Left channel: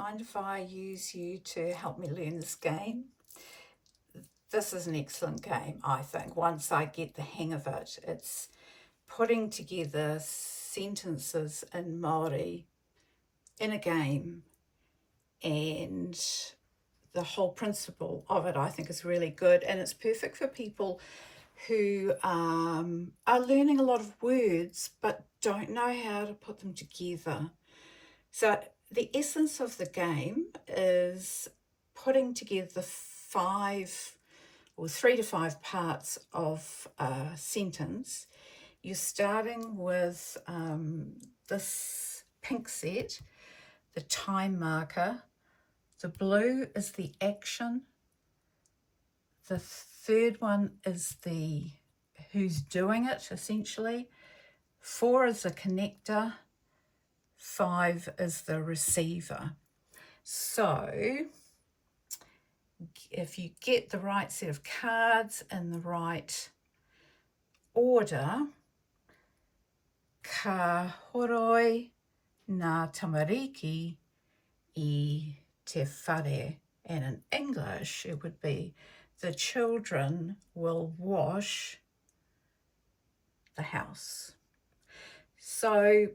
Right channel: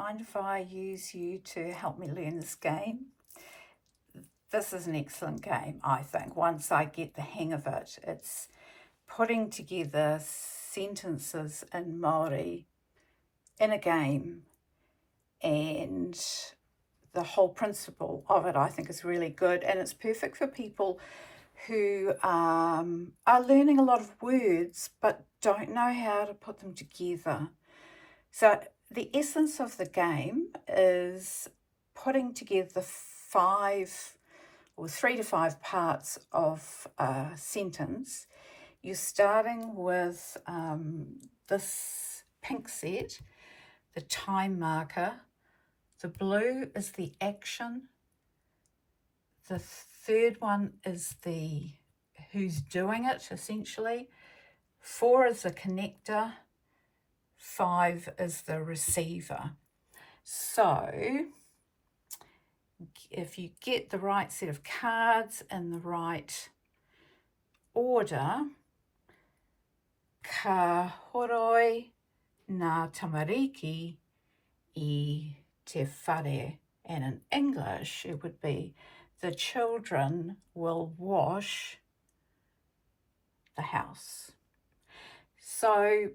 Mind if I use you to help me learn this game? This is an excellent game, I think, once I get the hang of it. It's putting together sentences in Māori in a game, and the whole principle of it, I think, is really good, and it's perfect for people who are learning a lot of words but don't know how to put them together. So the essence of the game is putting together 3 to 5 parts of a sentence. You're starting with this pink set, the time marker. The blue is the action. The third one is the who's doing it, essentially. 4 is the connector. 5 is the receiver. So if you get the right set of cards in the right order, ka horoi ngā tamariki I te whare. And in English, it would be the children will wash the house. So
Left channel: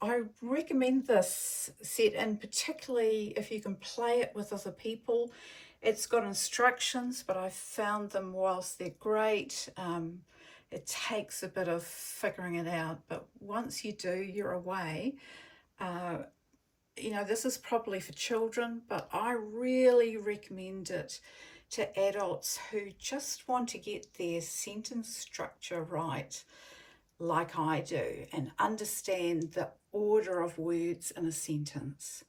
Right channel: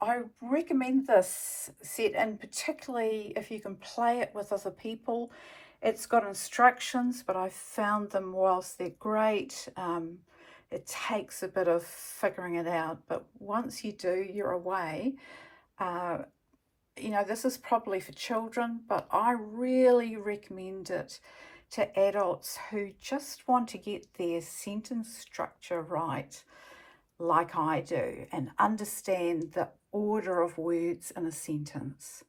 I recommend this set, and particularly if you can play it with other people. It's got instructions, but I've found them, whilst they're great, it takes a bit of figuring it out. But once you do, you're away. This is probably for children, but I really recommend it to adults who just want to get their sentence structure right, like I do, and understand the order of words in a sentence.